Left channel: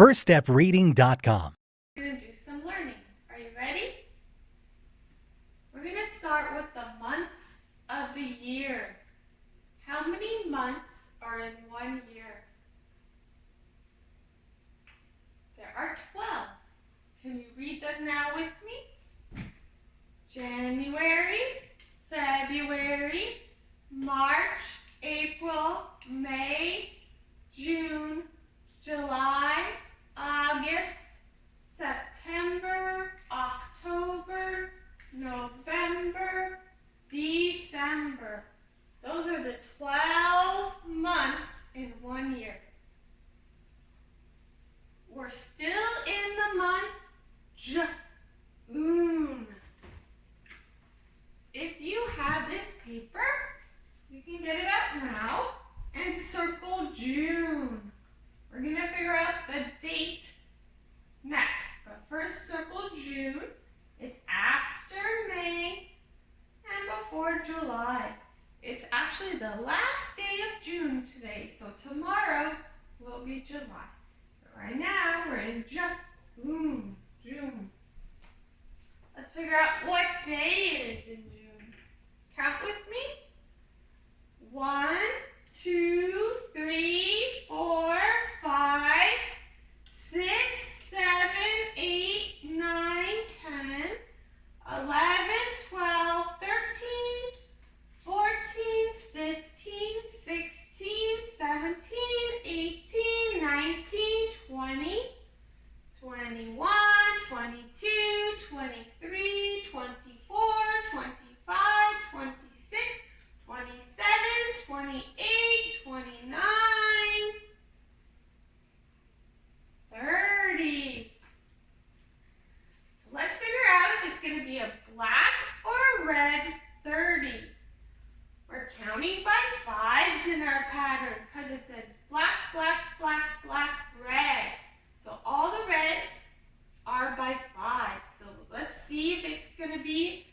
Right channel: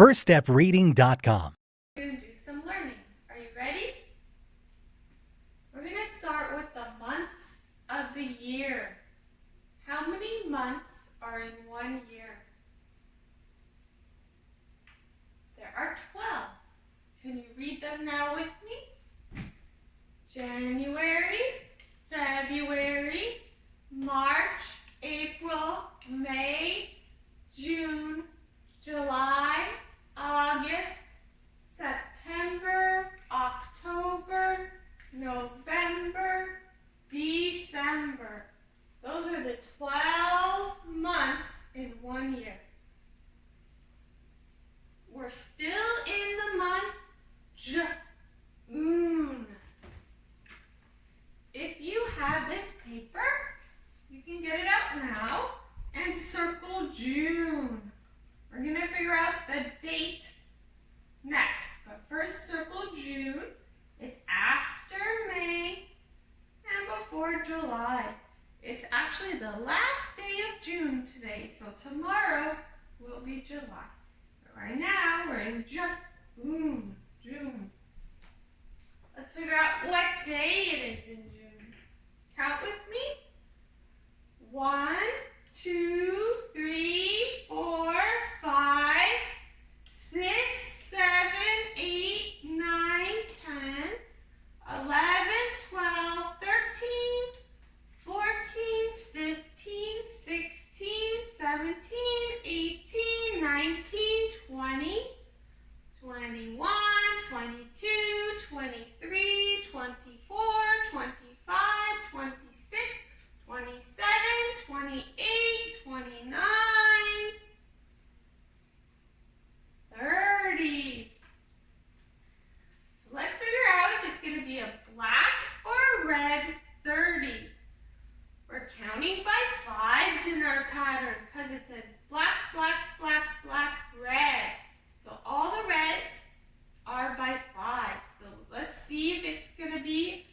firststepreading.com. We're going to do some learning. Are you ready? We're going to start with the months of the year. How many months are in 1 year? There are 12. Can you read them now with me? January, February, March, April, May, June, July, August, September, October, November, December. Those are the 12 months in 1 year. We're still in the month June. If you have this paper, you can get it out now and circle June. We're going to figure out the date next. But first, circle June. It's after May and before July. It's actually the last day of June today, so tomorrow will be July. But right now, we're in June. Let's figure out what day it is in June. Count with me. 1, 2, 3, 4, 5, 6, 7, 8, 9, 10, 11, 12, 13, 14, 15, 16, 17, 18, 19, 20, 21, 22, 23, 24, 25, 26, 27, 28, 29, 30. So let's figure out if it's going to be a black or a red 30. We're counting by fives in our pattern because it said black, black, black, black, red. So all the reds are by 5. So let's see if it's going to be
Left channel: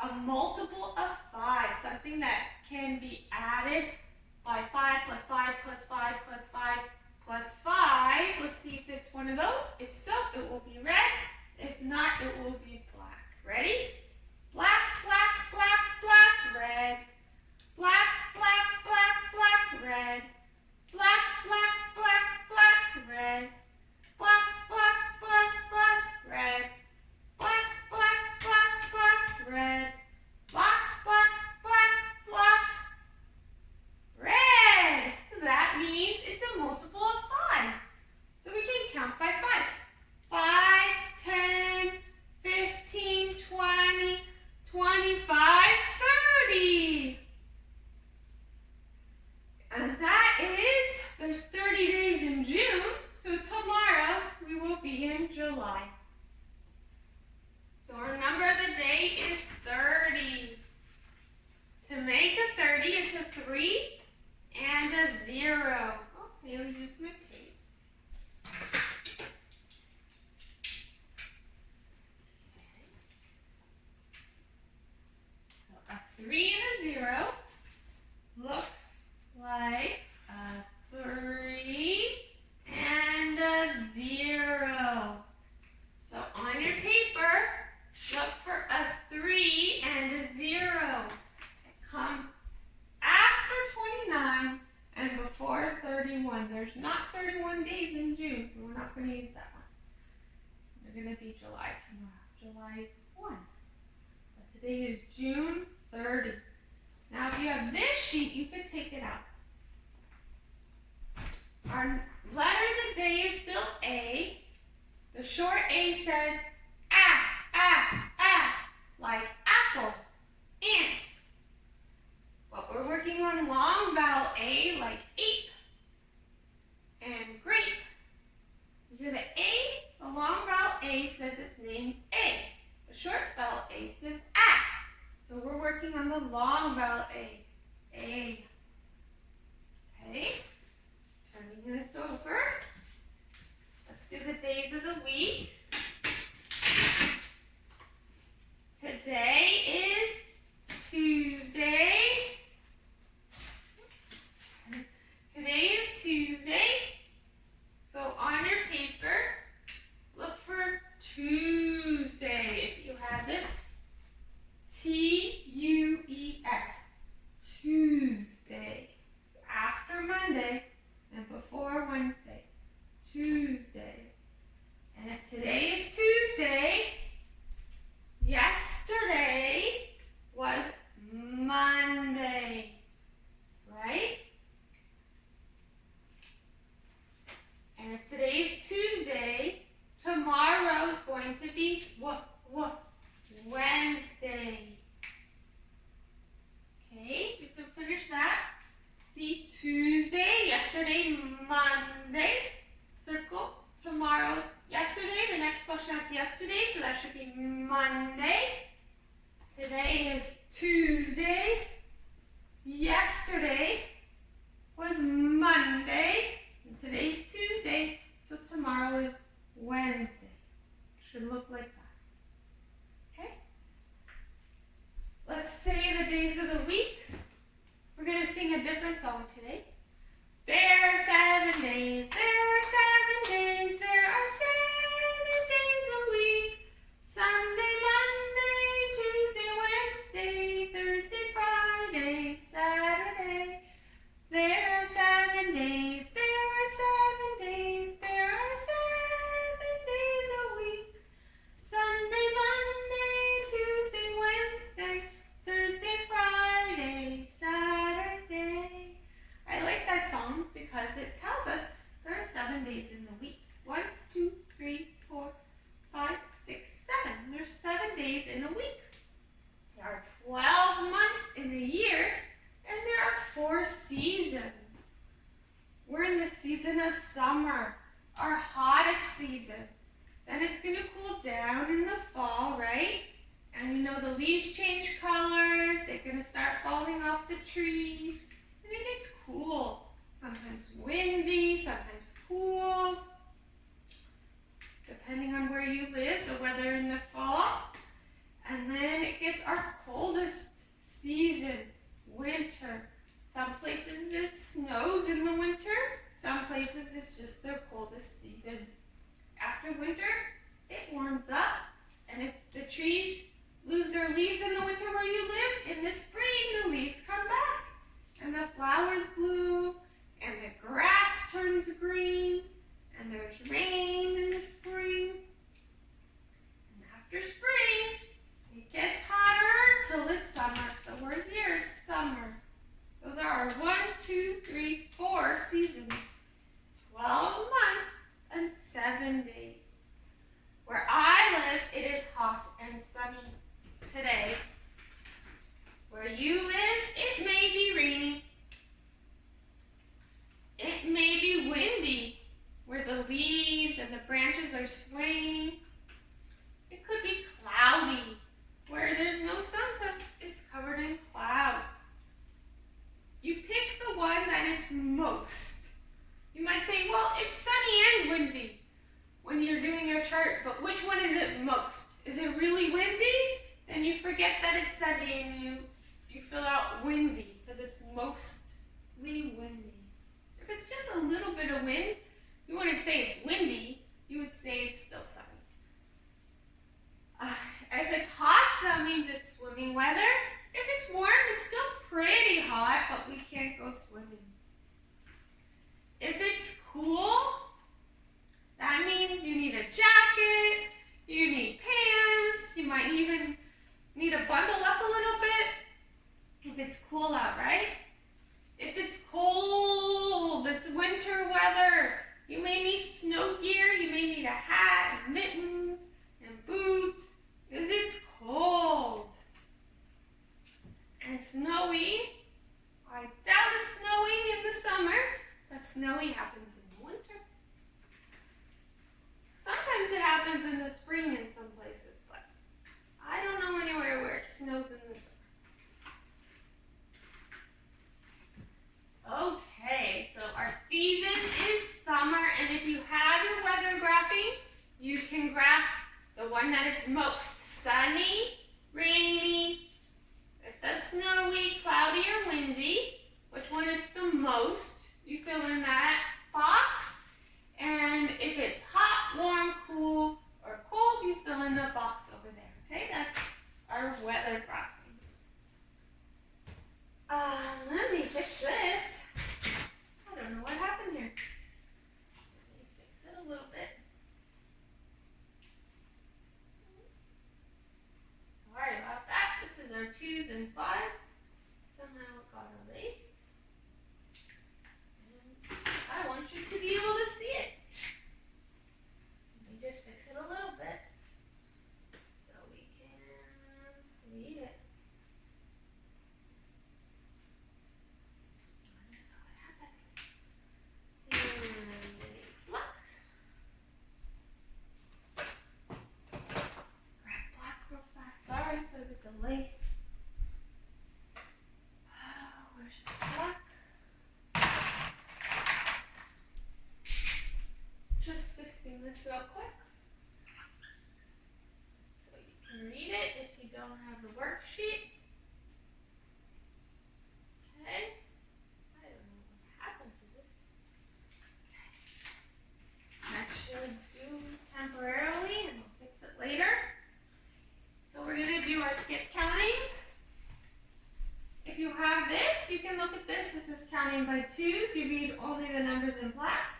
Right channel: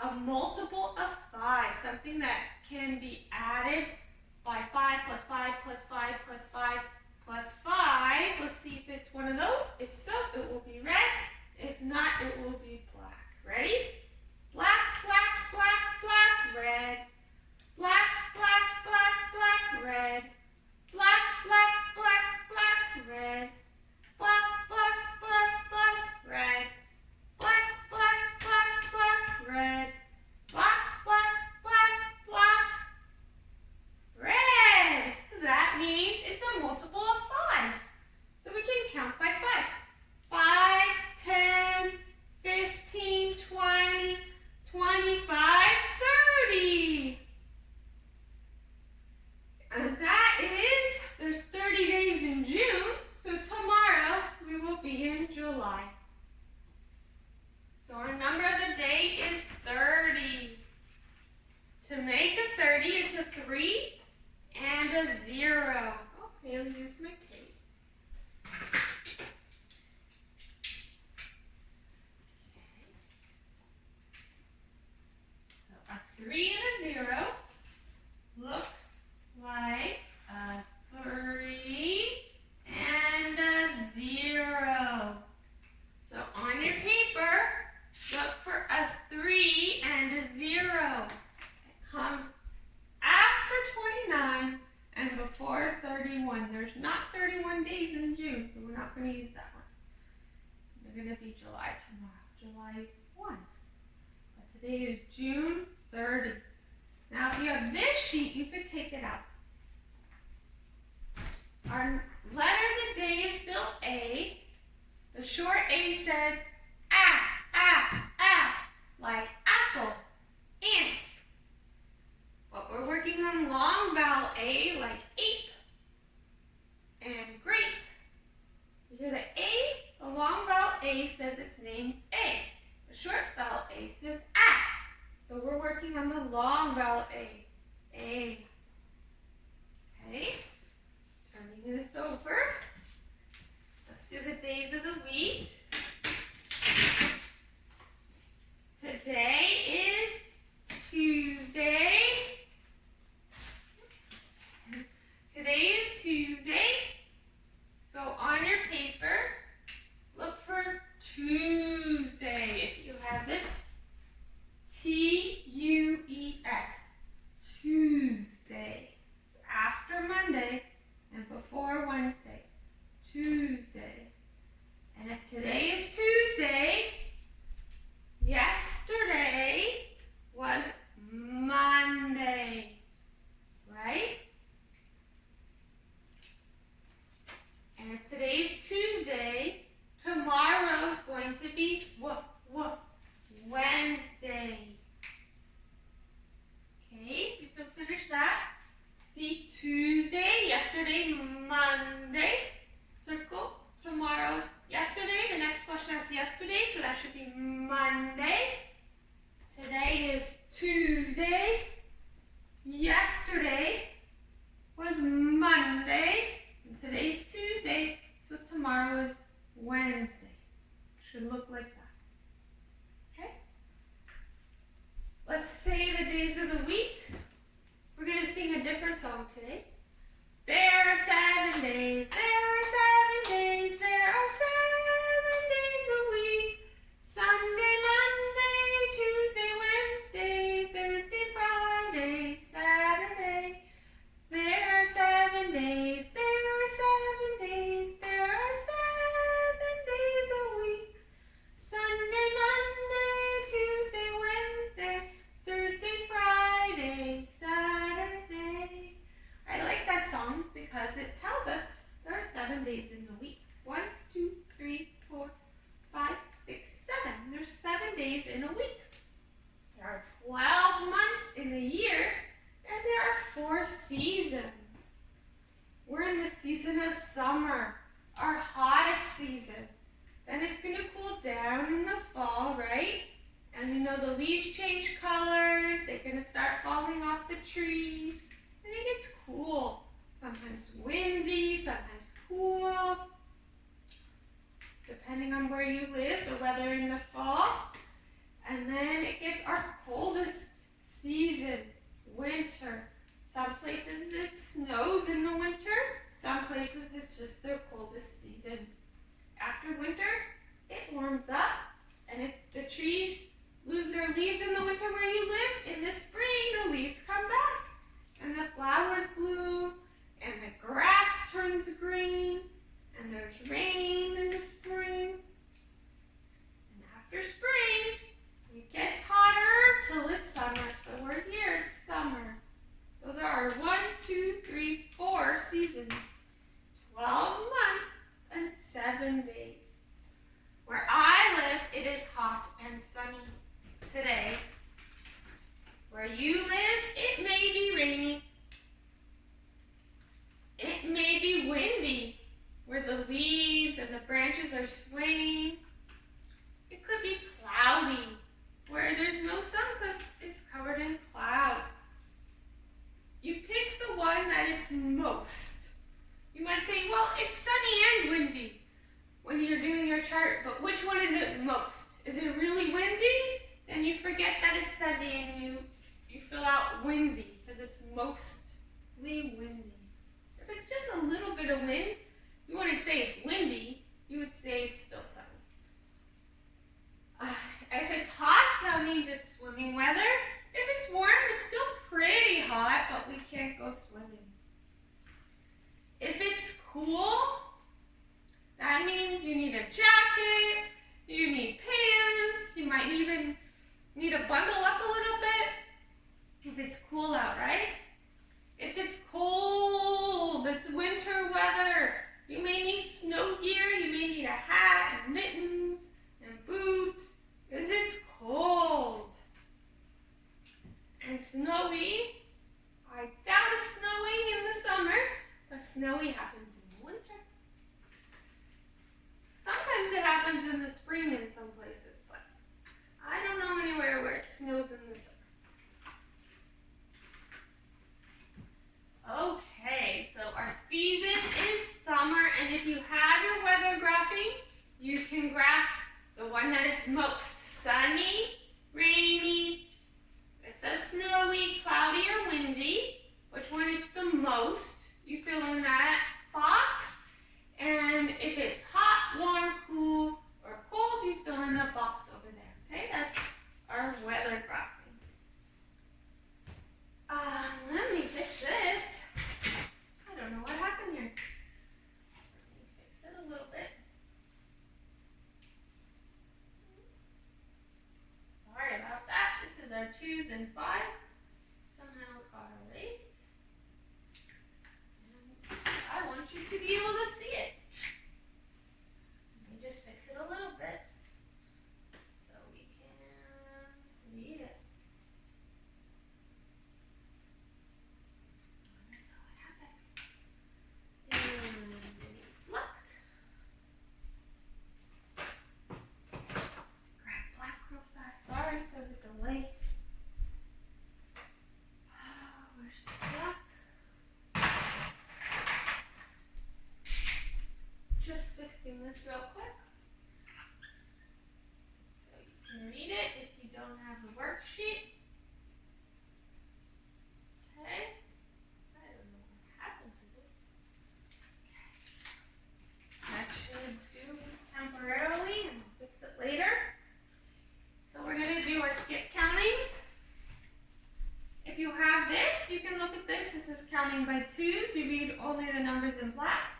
a multiple of 5, something that can be added by 5 plus 5 plus 5 plus 5 plus 5. Let's see if it's one of those. If so, it will be red. If not, it will be black. Ready? Black, black, black, black, red. Black, black, black, black, red. Black, black, black, black, red. Black, black, black, black, red. Black, black, black, black, red. Black, black, black, black, red. So that means it's a multiple of 5. So we can count by 5s. 5, 10, 15, 20, 25, 30. And that is, there's 30 days in June, so tomorrow we will be in July. So our number of the day is 30. To make a 30, it's a 3 and a 0. Oh, I'll use my tape. Okay. So a 3 and a 0 looks like a 3 and a 0. So on your paper, look for a 3 and a 0. It comes after 29 and before 31. There's not 31 days in June, so we're not going to use that one. We're going to be July tomorrow, July 1. But today is June 30. Now, if you have this sheet, you could take it out. Our letter of the day is still A. The short A says like apple, ant. But we're working on long vowel A like ape and grape. You hear the A? The long vowel A says its name A. The short vowel A says So we're working on the long vowel A. A. Okay. Turning this over. Let's do the days of the week. Today is Tuesday. Today is Tuesday. So on your paper, that should be Monday. Today is Tuesday. Yesterday was Monday. And today's Tuesday, so tomorrow is Wednesday. Should look like that. Okay? Let's say the days of the week. We're going to sing a different song today. There are 7 days, there are 7 days, there are 7 days a week. Sunday, Monday, Tuesday, Wednesday, Thursday, Friday, Saturday. There are 7 days, there are 7 days, there are 7 days a week. Sunday, Monday, Tuesday, Wednesday, Thursday, Friday, Saturday. I like that song because it tells us there are 7 days in the week. 1, 2, 3, 4, 5, 6, 7. There's 7 days in a week. There are 12 months in a year, and there are 4 seasons. We're in the season of summer, our hottest season. Then it's going to cool down in the fall, right? And you know the leaves change colors. They're going to start falling off the trees. And it gets cool. Sometimes windy, sometimes cool. Depending on where you live, the weather in the fall. And then it gets our coldest season, winter. Some places it snows in the winter. Some places it's just their coldest season. After winter, it warms up. And if the trees lose their leaves in the winter where you live, in the spring the leaves come back. And the flowers bloom, and the grass turns green, and there's rain in the spring. And after spring, it gets hotter till it's summer. So we're here, it's summer. Those are our 1, 2, 3, 4 seasons. 12 months and 7 days. Where I live, it is hot and sunny today. Where you live, it may be rainy. It may be windy, where the leaves and the branches are swaying. It could be cloudy, where there's no sun because it's covered in clouds. You pick the one that it's most. You might say, well, it's sunny and windy when you're doing your chart, but which one is it most? Is it really windy? Then you forget that it's sunny and you fill out windy because it's mostly windy. So if it's just a little bit of wind, you wouldn't say it's windy, you would say it's still sunny. If it's hot, that means it's swimming weather. If it's warm, it's still pretty hot, but we can't go swimming. If it's cool, that means you need a jacket, you need pants, you might even need to bundle up a little bit. If it's cool out, right? If it's cold, it's winter weather, you may need snow gear, you may need a hat and mittens and boots, because it's cold. And snowy, I doubt it's snowing in the summer, but snowy happens in the winter. Sometimes it happens in the spring in some places, but I don't know anywhere where it snows in the summer. Okay, so our season is summer, and if you have your weather graphing, you can graph the one that it's most sunny, rainy, it says snowy, cloudy, or windy, which one it's the most. You fill in that box, and if it's hot, warm, cool, or cold, you fill in the box over there. Okay, that's our weather graphing. Let me fix this. I don't know what happened here. Let me fix it a little bit. Sorry about that. This is our 2s and 5s. Somehow it got erased. I want you to be able to see it. Let me just fix it a little bit so we can read it. I don't know what happened. And look. fixing this real quick so you can read it if you don't have the worksheet. Okay. I don't know what happened to this. Okay. That should do temporarily, and I'll fix it later. So we're going to do our skip counting. If you have this, you can look at this. This is counting by twos. You read only the numbers in black.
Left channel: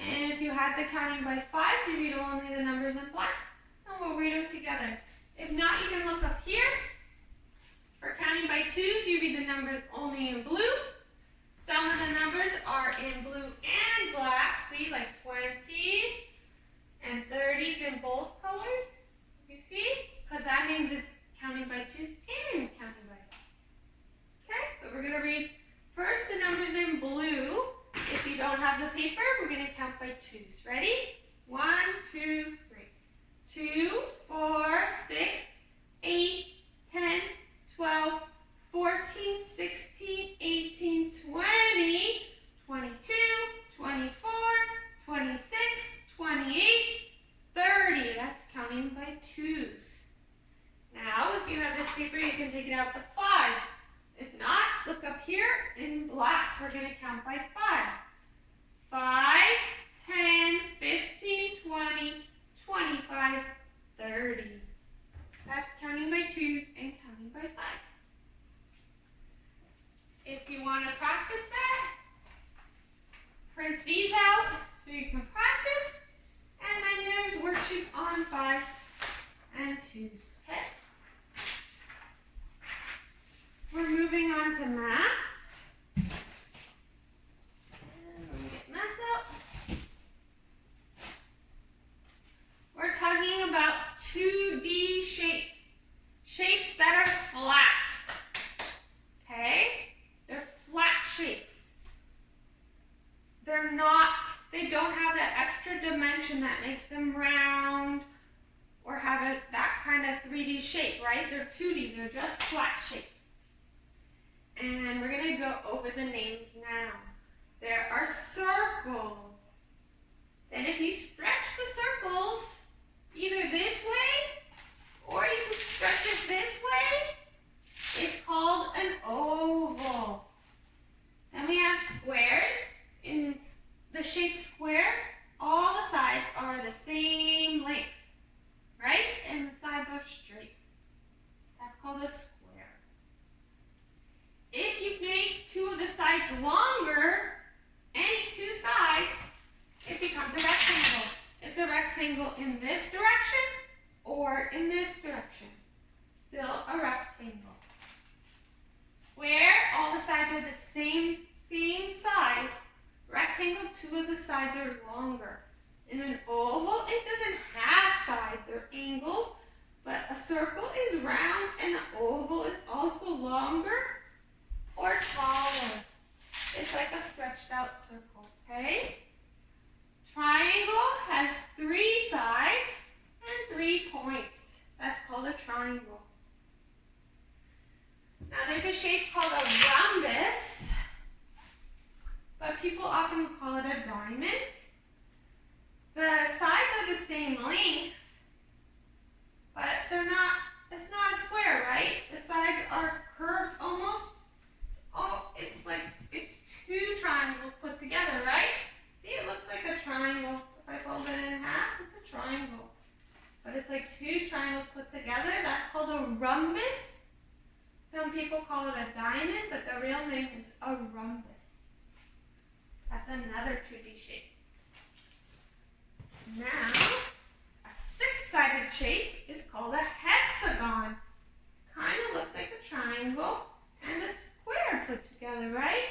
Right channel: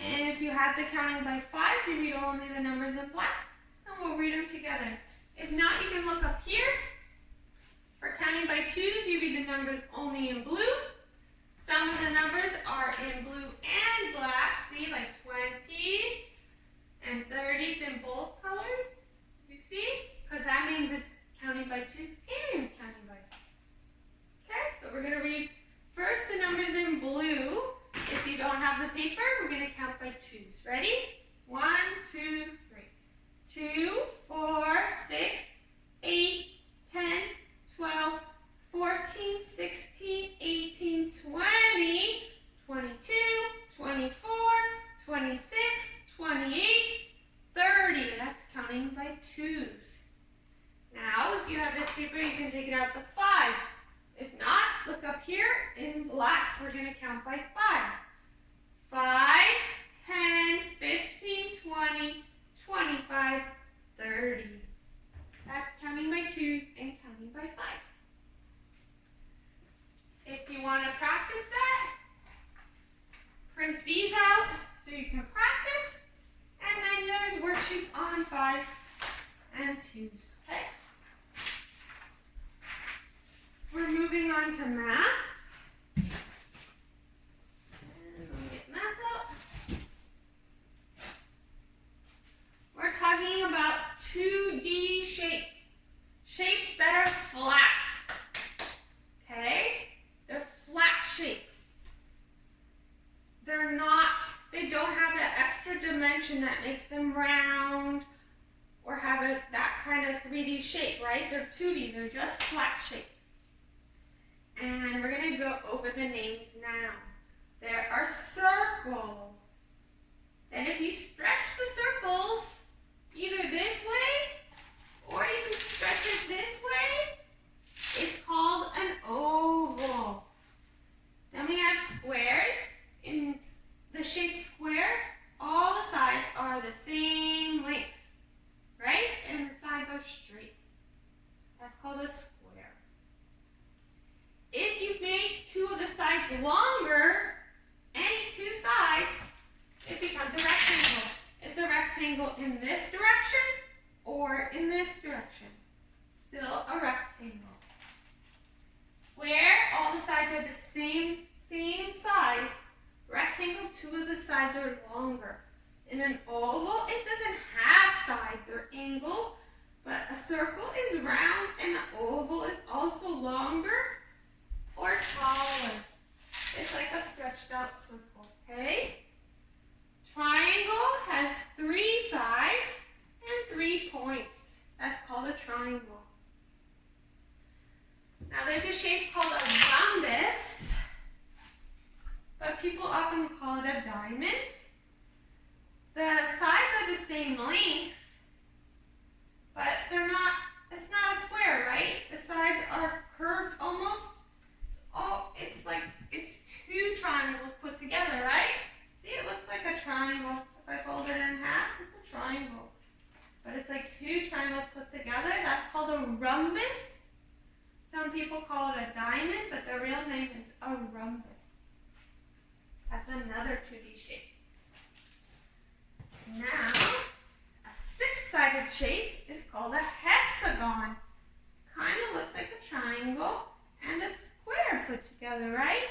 And if you have the counting by fives, you read only the numbers in black. And we'll read them together. If not, you can look up here. For counting by twos, you read the numbers only in blue. Some of the numbers are in blue and black. See, like 20 and 30s in both colors. You see? Because that means it's counting by twos and counting by fives. Okay, so we're going to read first the numbers in blue. If you don't have the paper, we're going to count by twos. Ready? 1, 2, 3. 2, 4, 6, 8, 10, 12, 14, 16, 18, 20, 22, 24, 26, 28, 30. That's counting by twos. Now, if you have this paper, you can take it out the fives. If not, look up here in black. We're going to count by fives. 5, 10, 15, 20, 25, 30. That's counting by twos and counting by fives. If you want to practice that, print these out so you can practice. And then there's worksheets on fives and twos. Okay? We're moving on to math. And let me get math out. We're talking about 2D shapes. Shapes that are flat. Okay? They're flat shapes. They don't have that extra dimension that makes them round or have that kind of 3D shape, right? They're 2D, they're just flat shapes. And we're going to go over the names now. There are circles. And if you stretch the circles either this way or you can stretch it this way, it's called an oval. Then we have squares. In the shape square, all the sides are the same length, right? And the sides are straight. That's called a square. If you make two of the sides longer, any two sides, it becomes a rectangle. It's a rectangle in this direction or in this direction. Still a rectangle. Square, all the sides are the same size. Rectangle, two of the sides are longer. In an oval, it doesn't have sides or angles, but a circle is round and the oval is also longer or taller. It's like a stretched out circle, okay? Triangle has 3 sides and 3 points. That's called a triangle. Now there's a shape called a rhombus, but people often call it a diamond. The sides are the same length, but it's not a square, right? The sides are curved almost. It's like it's 2 triangles put together, right? See, it looks like a triangle. If I fold it in half, it's a triangle. But it's like 2 triangles put together. That's called a rhombus. Some people call it a diamond, but the real name is a rhombus. That's another 2D shape. Now, a 6-sided shape is called a hexagon. Kind of looks like a triangle and a square put together, right?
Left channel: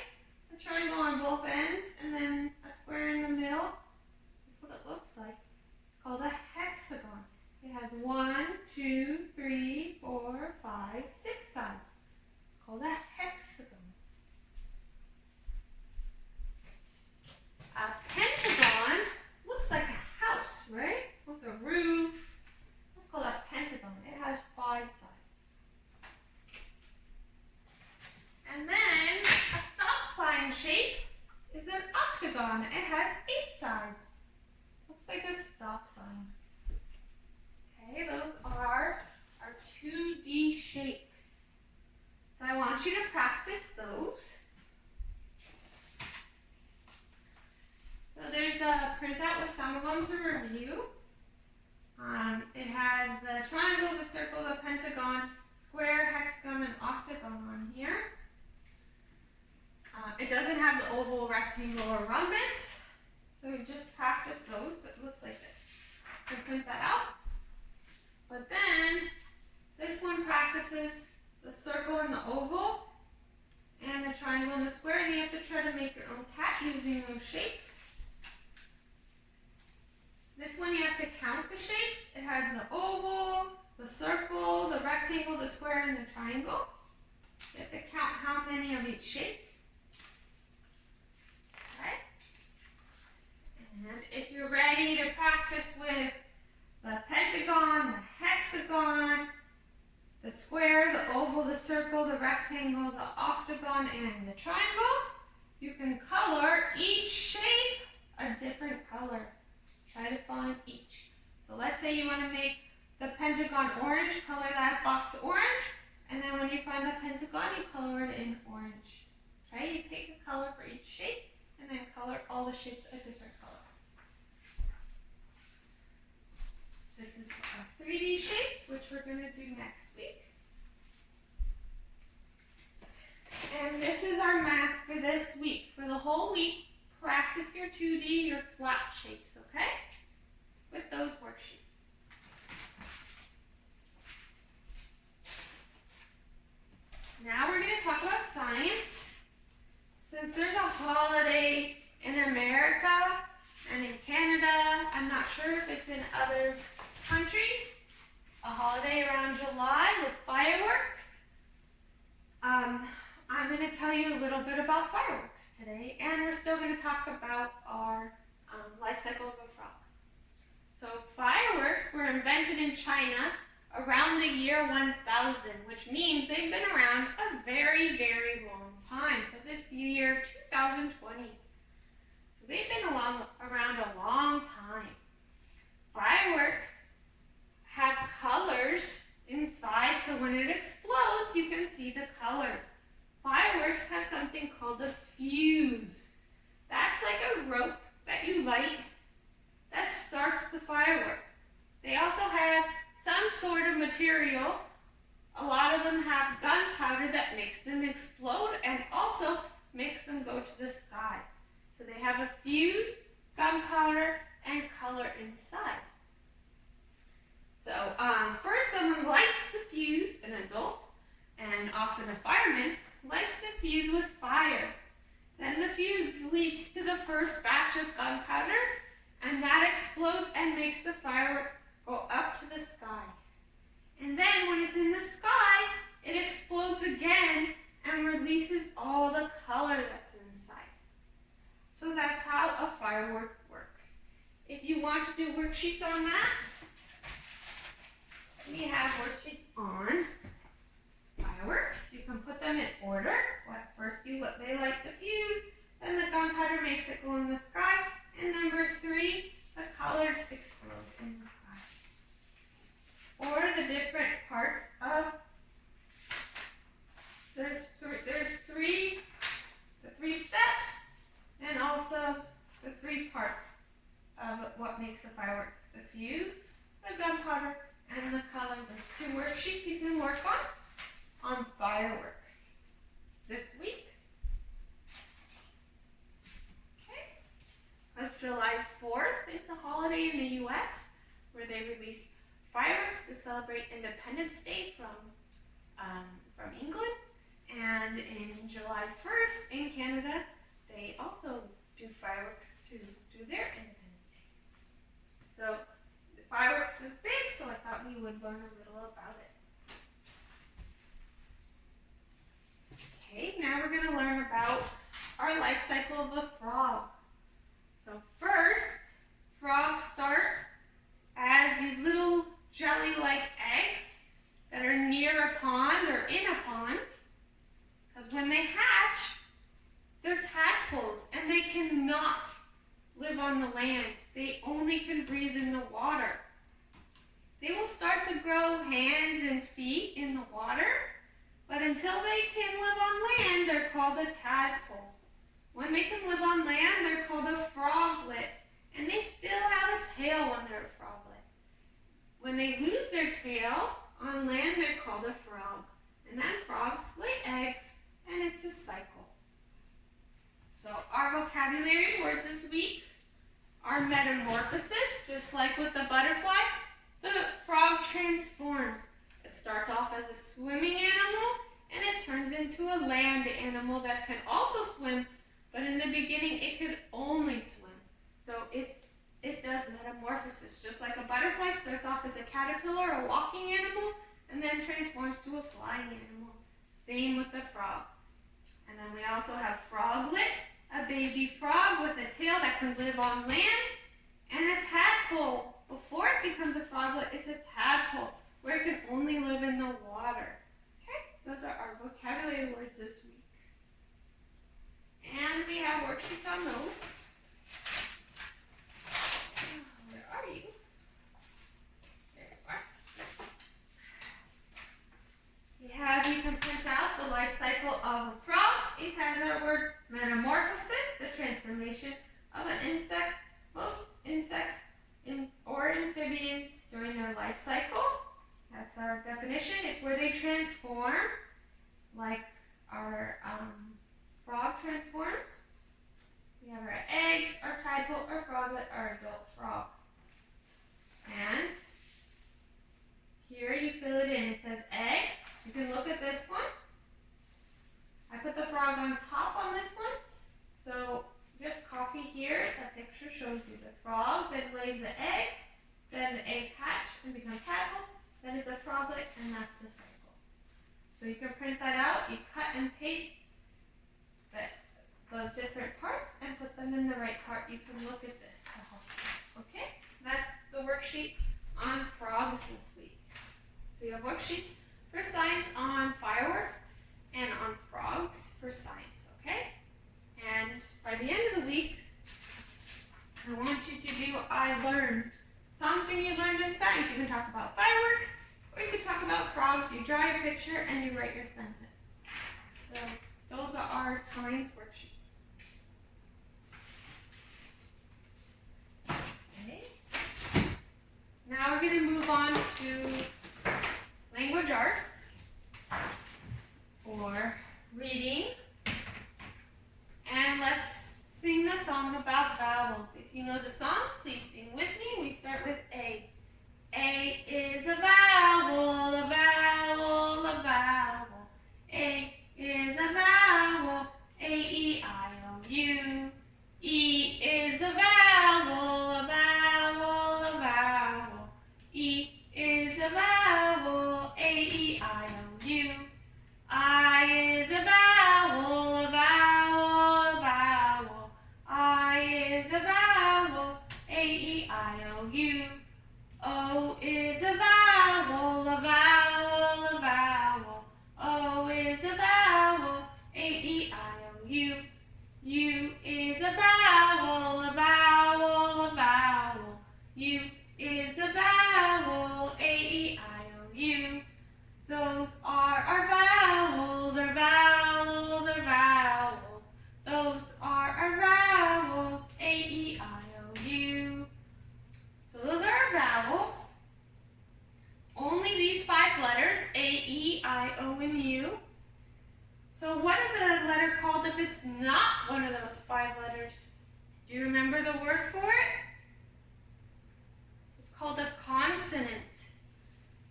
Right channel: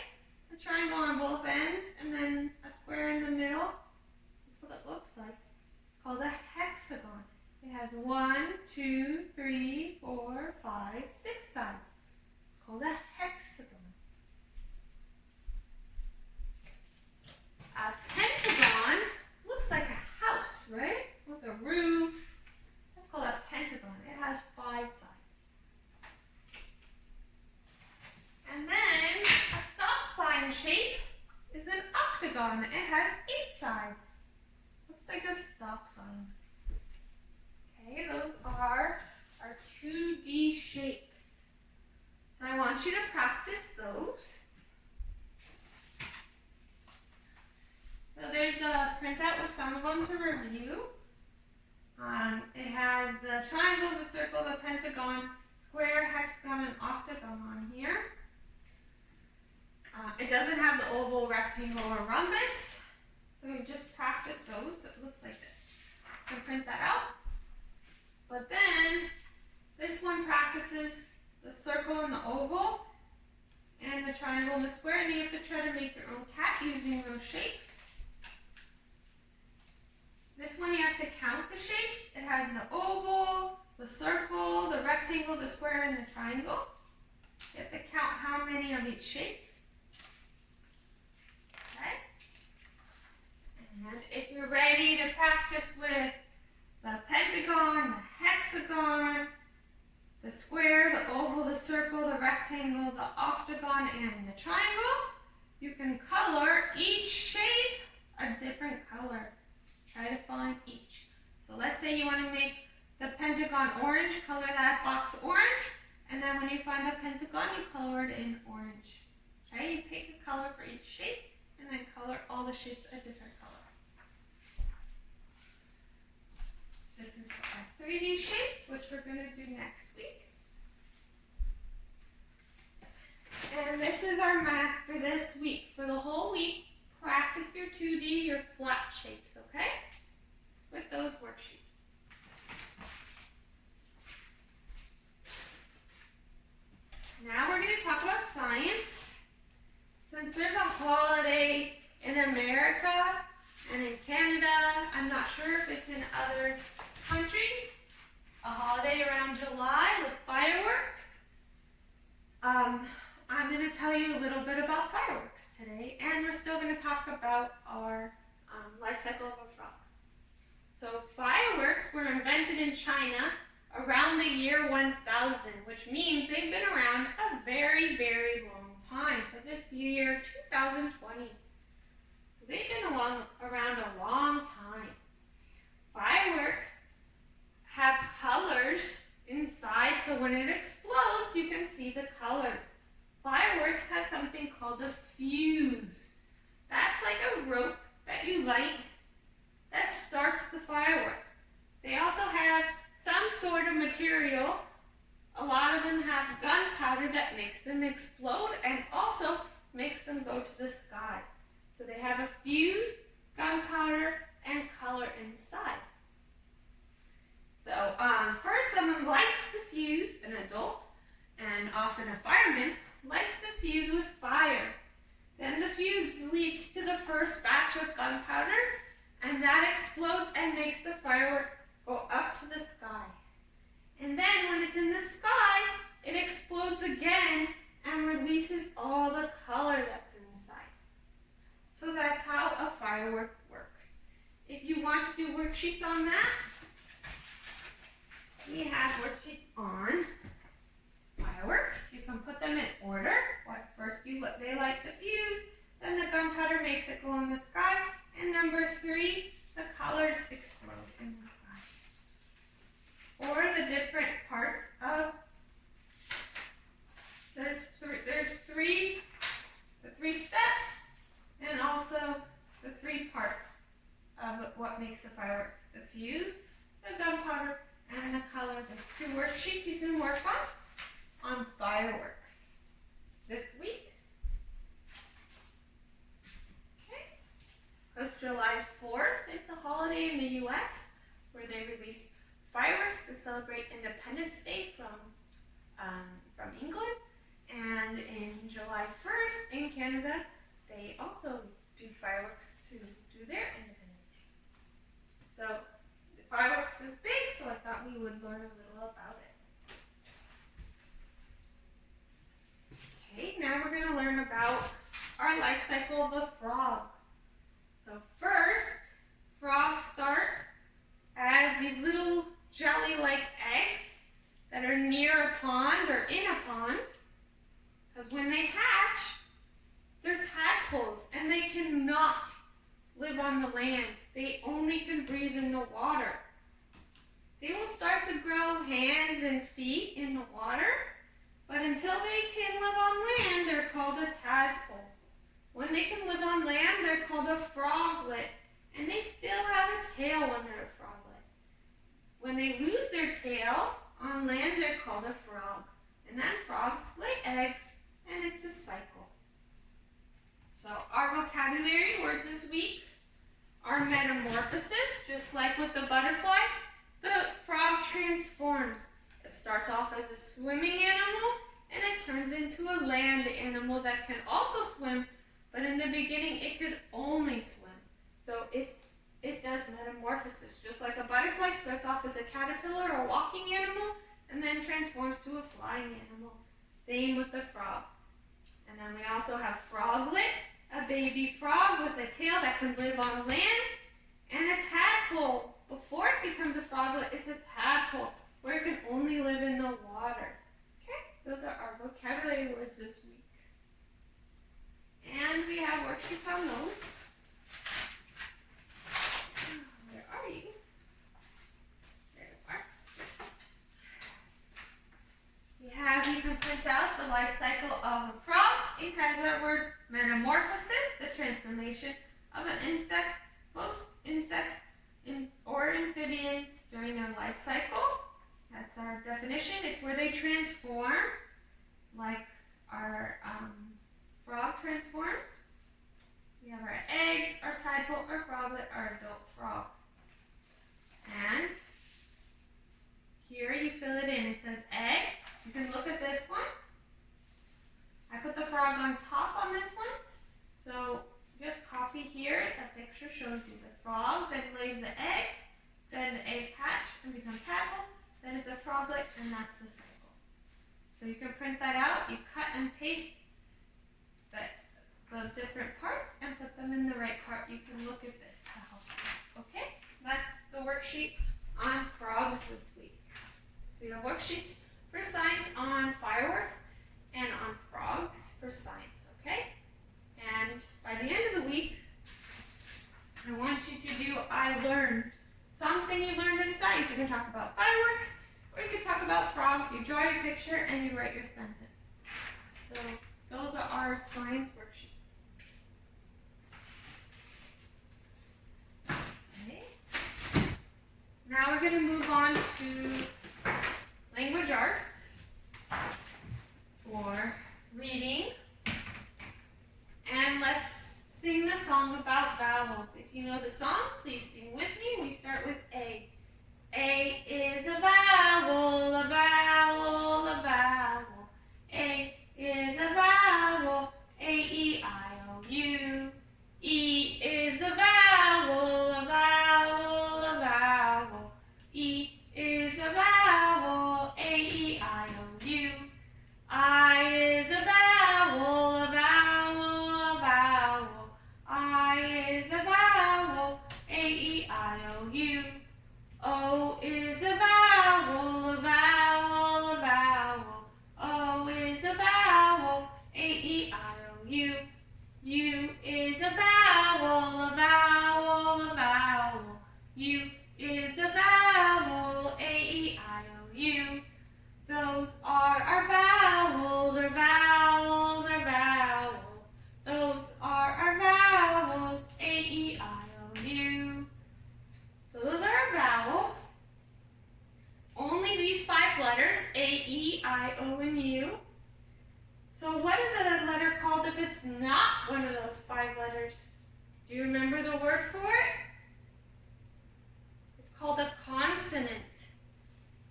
A triangle on both ends and then a square in the middle. That's what it looks like. It's called a hexagon. It has 1, 2, 3, 4, 5, 6 sides. It's called a hexagon. A pentagon looks like a house, right? With a roof. That's called a pentagon. It has 5 sides. And then a stop sign shape is an octagon. It has 8 sides. Looks like sign. Okay, those are our 2D shapes. So I want you to practice those. So there's a printout with some of them to review. It has the triangle, the circle, the pentagon, square, hexagon, and octagon on here. It doesn't have the oval, rectangle, or rhombus. So you just practice those. So it looks like this. You can print that out. But then this one practices the circle and the oval, and the triangle and the square, and you have to try to make your own cat using those shapes. This one you have to count the shapes. It has the oval, the circle, the rectangle, the square, and the triangle. You have to count how many of each shape. Okay? And if you're ready to practice with the pentagon, the hexagon, the square, the oval, the circle, the rectangle, the octagon, and the triangle, you can color each shape a different color. Try to find each. So let's say you want to make the pentagon orange, color that box orange, and then when you find the pentagon, you color it in orange. Okay, you pick a color for each shape, and then color all the shapes a different color. This is our 3D shapes, which we're going to do next week. And this is our math for this week. For the whole week, practice your 2D, your flat shapes, okay? With those worksheets. Now we're going to talk about science. Since there's a holiday in America and in Canada, I'm not sure if it's in other countries, a holiday around July with fireworks. I'm going to tell you a little bit about fireworks today, and we're still going to talk about our life cycle of a frog. So fireworks were invented in China around the year 1000, which means they've been around a very, very long time, because it's year 2020. So they've been around a long time. Fireworks have colors inside, so when it explodes, you can see the colors. Fireworks have something called a fuse. That's like a rope that you light that starts the firework. They also have some sort of material. A lot of them have gunpowder that makes them explode and also makes them go to the sky. So they have a fuse, gunpowder, and color inside. So first someone lights the fuse, an adult, and often a fireman, lights the fuse with fire. Then the fuse leads to the first batch of gunpowder, and that explodes and makes the firework go up to the sky. And then when it's in the sky, it explodes again and releases all the color that's inside. So that's how a firework works. If you want to do worksheets on that, we have worksheets on fireworks. You can put them in order. First they light the fuse, then the gunpowder makes it go in the sky, and number 3, the colors explode in the sky. Or the different parts of, there's the three steps, and also the 3 parts of what makes a firework. The fuse, the gunpowder, and the color. There's 2 worksheets you can work on fireworks this week. Okay, because July 4th, it's a holiday in the U.S. where they release fireworks to celebrate Independence Day from England. And in July 1st in Canada, they also do fireworks to do their Independence Day. So the fireworks is big, so I thought we would learn a little about it. Okay, now we're going to learn about our life cycle of a frog. So first, frogs start as these little jelly-like eggs that are near a pond or in a pond, because when they hatch, they're tadpoles and they cannot live on the land. They only can breathe breathe in the water. They will start to grow hands and feet in the water, but until they can live on land, they're called a tadpole. When they can live on land, they're called a froglet, and they still have a tail when they're a froglet. When they lose their tail on land, they're called a frog, and then frogs lay eggs, and it's a cycle. So our vocabulary words this week are metamorphosis, just like with the butterfly. The frog transforms. It starts off as a swimming animal, and it turns into a land animal that can also swim, but in the beginning it could only swim. So it does metamorphosis, just like a butterfly starts off as a caterpillar or a walking animal, and then transforms to a flying animal. Same with the frog. And then we also have froglet, a baby frog with a tail that can live on land, and a tadpole. Before it becomes a froglet, it's a tadpole, where it can only live in the water. Okay, those are our vocabulary words this week. And we have worksheets on those. Where are you? There you are. You can print out the life cycle of a frog. It has our word metamorphosis, the transformation of an insect. Most insects or amphibians during their life cycle. That's our definition. It's where they transform, like our frog transforms. We have our eggs, our tadpole, our froglet, our adult frog. And here you fill it in. It says egg. You can look at this one. I put the frog on top on this one. So just copy here. That picture shows you the frog that lays the eggs. Then the eggs hatch and become tadpoles. Then it's a froglet, and that's the cycle. So you can print that out. You cut and paste the different parts and put them in the right part. You can look at this to help you. Okay? That's the worksheet on frogs this week. We have worksheets for science on fireworks and on frogs for science. Okay? And by the end of the week, I want you to do I learned. Something you learned in science. You can talk about fireworks, or you can talk about frogs. You draw your picture and you write your sentence. So those are our science worksheets. Okay. Now we're going to move on to language arts for reading. And let's sing the song about vowels. If you know the song, please sing with me. We start with A. A is a vowel, a vowel, a vowel. A is a vowel, A-E-I-O-U. E is a vowel, a vowel, a vowel. E is a vowel, A-E-I-O-U. I is a vowel, a vowel, a vowel. I is a vowel, A-E-I-O-U. O is a vowel, a vowel, a vowel. O is a vowel, A-E-I-O-U. U is a vowel, a vowel, a vowel. U is a vowel, A-E-I-O-U. Those are our vowels, our vowels, our vowels. Those are our vowels, A-E-I-O-U. So those are our vowels. Only these 5 letters, A, E, I, O, and U. So what is a letter called if it's not one of those 5 letters? Do you remember the word for it? It's called a consonant.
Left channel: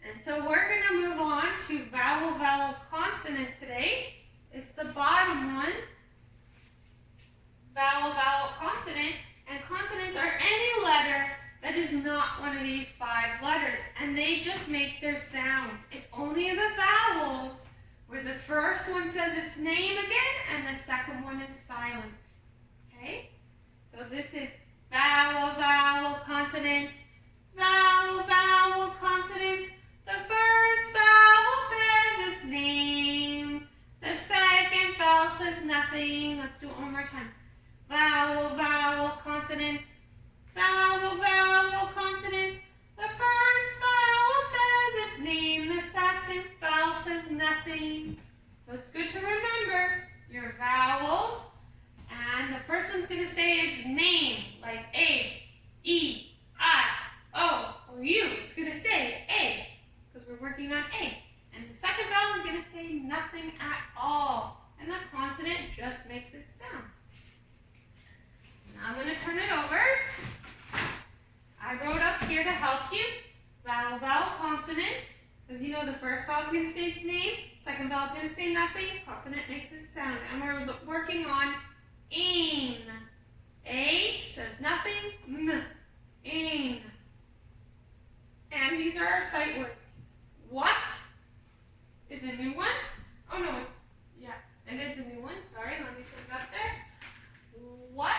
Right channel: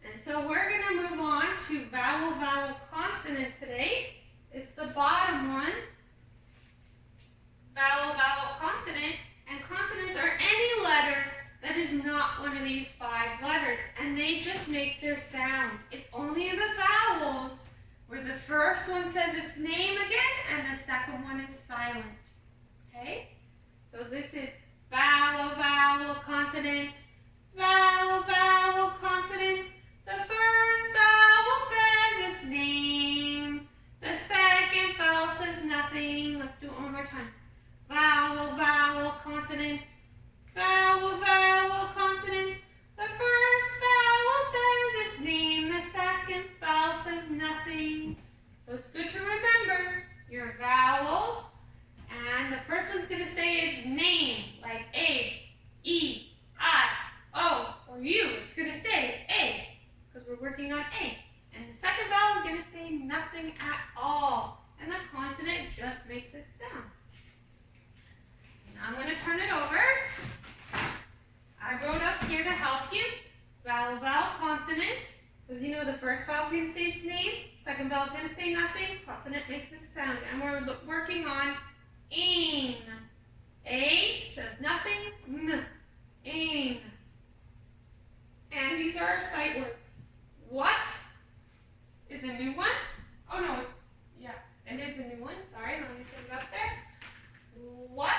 And so we're going to move on to vowel, vowel, consonant today. It's the bottom one. Vowel, vowel, consonant. And consonants are any letter that is not one of these 5 letters. And they just make their sound. It's only the vowels where the first one says its name again and the second one is silent. Okay? So this is vowel, vowel, consonant. Vowel, vowel, consonant. The first vowel says its name. The second vowel says nothing. Let's do it one more time. Vowel, vowel, consonant. Vowel, vowel, consonant. The first vowel says its name, the second vowel says nothing. So it's good to remember your vowels. And the first one's going to say its name, like A, E, I, O, or U. It's going to say A, because we're working on A. And the second vowel is going to say nothing at all. And the consonant just makes its sound. Now I'm going to turn it over. I wrote up here to help you. Vowel, vowel, consonant. Because you know the first vowel is going to say its name. Second vowel is going to say nothing. Consonant makes its sound. And we're working on ain. A says nothing. M. Ain. And these are our sight words. What is a new one? Oh no, it is a new one. Sorry, let me put it up there. What?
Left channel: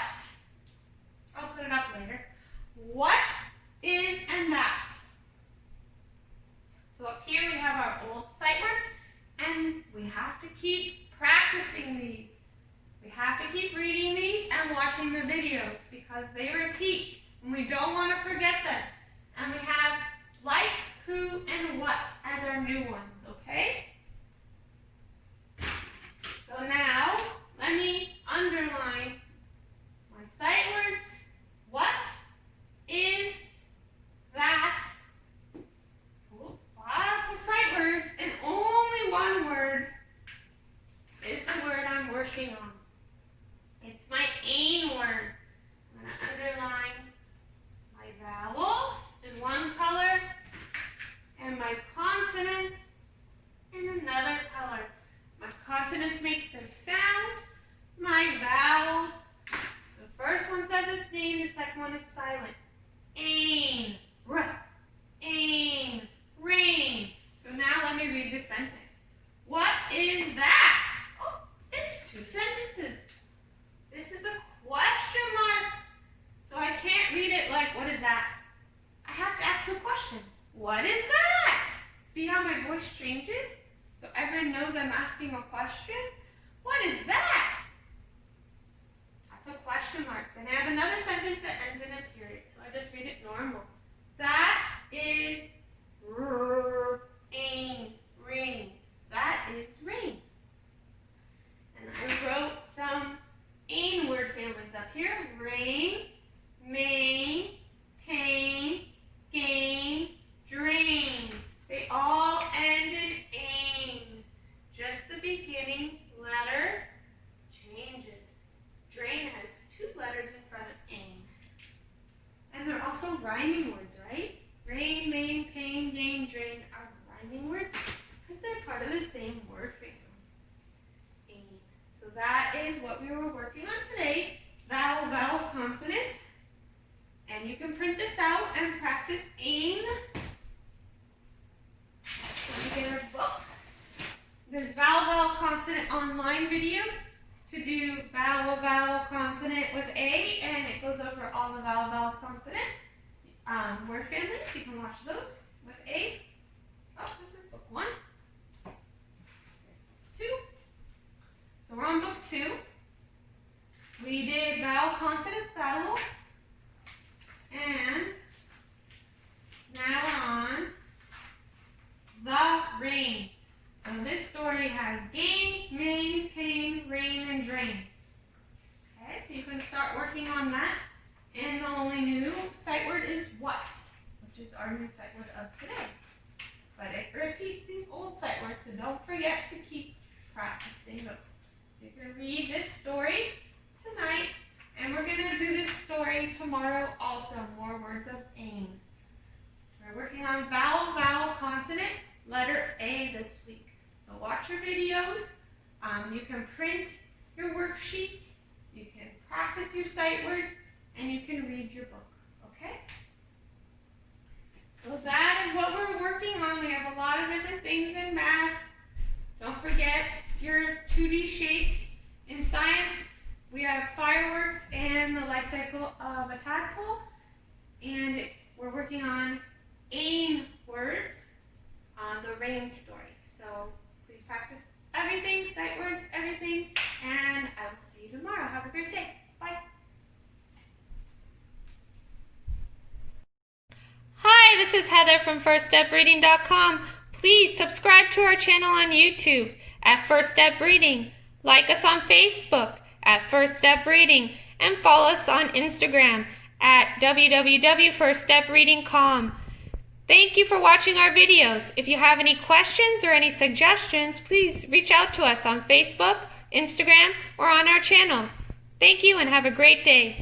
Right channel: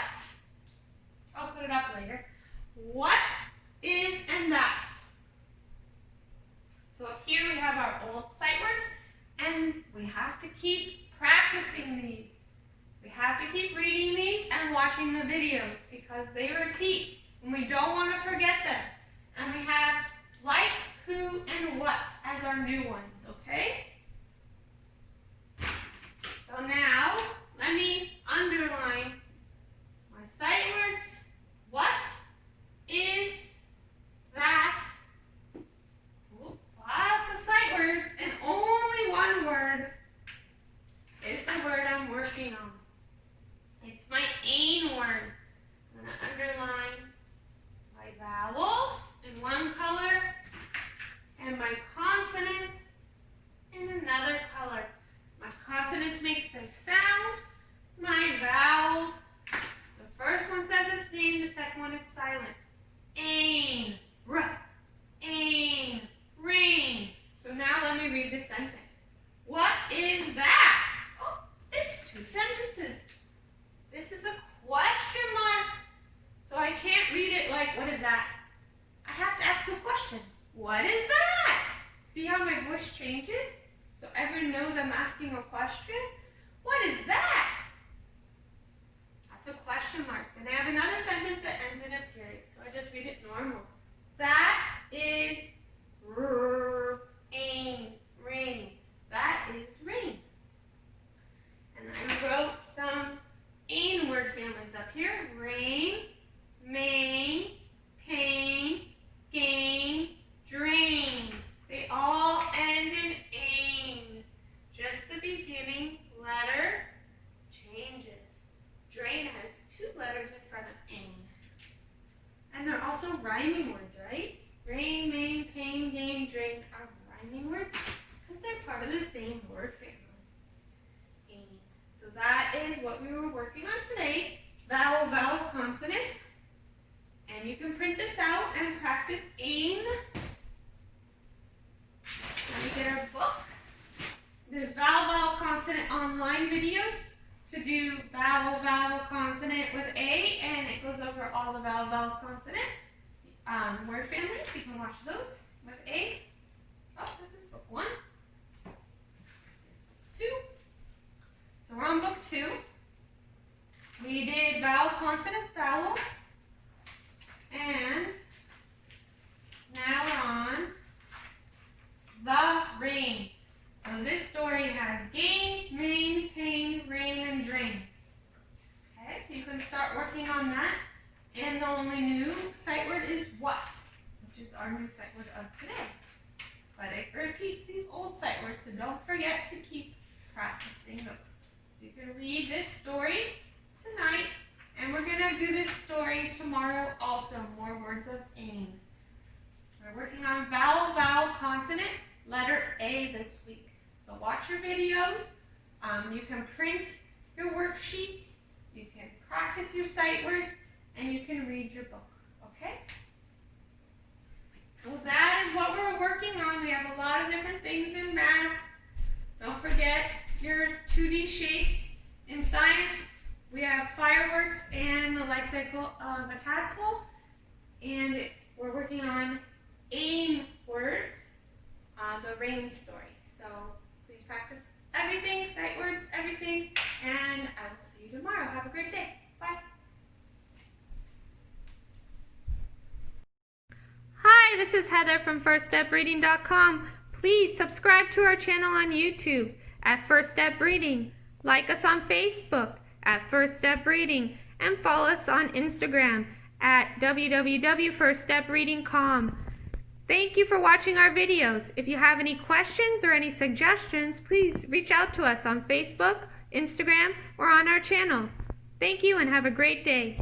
I'll put it up later. What is and that? So up here we have our old sight words, and we have to keep practicing these. We have to keep reading these and watching the videos because they repeat, and we don't want to forget them. And we have like, who, and what as our new ones, okay? So now, let me underline my sight words. What is that? Ooh, lots of sight words, and only one word is the word I'm working on. It's my ain word. I'm going to underline my vowels in one color and my consonants in another color. My consonants make their sound. My vowels, the first one says its name, the second one is silent. Ain, r, ain, rain. So now let me read the sentence. What is that? Oh, it's two sentences. This is a question mark. So I can't read it like, what is that? I have to ask a question. What is that? See how my voice changes? So everyone knows I'm asking a question. What is that? That's a question mark. Then I have another sentence that ends in a period. So I just read it normal. That is rain. Rain. That is rain. And I wrote some ain word families up here. Rain, main, pain, gain, drain. They all end in ain. Just the beginning letter changes. Drain has two letters in front of ain. And they're also rhyming words, right? Rain, main, pain, gain, drain are rhyming words because they're part of the same word family. Ain. So that is what we were working on today. Vowel, vowel, consonant. And you can print this out and practice ain. Let me get our book. There's vowel, vowel, consonant online videos to do vowel, vowel, consonant with A, and it goes over all the vowel, vowel, consonant word families. You can watch those with A. Oh, this is book 1. There's book 2. So we're on book 2. We did vowel, consonant, vowel, and now we're on the rain. So this story has gain, main, pain, rain, and drain. Okay, so you can start working on that. And the only new sight word is what, which is our new sight word of today. But it repeats these old sight words, so don't forget to keep practicing those. So you can read this story tonight, and we're going to do this story tomorrow also, more words of ain. We're working on vowel, vowel, consonant, letter A this week. So watch your videos. You can print your worksheets. You can practice your sight words, and you can read your book. Okay? So that is what we're working on. We have a lot of different things in math. Don't forget your 2D shapes. In science, we have fireworks and the life cycle of a tadpole. And we're working on ain words, the rain story. So please practice everything, sight words, everything, and I will see you tomorrow. Have a great day. Bye. this is Heather from FirstStepReading.com. Please subscribe to our channel on YouTube at First Step Reading. Like us on Facebook at First Step Reading. And follow us on Instagram at www.firststepreading.com. Thank you for watching our videos. If you have any questions or any suggestions, please reach out to us on Facebook, Instagram, or on our channel. Thank you and have a great day.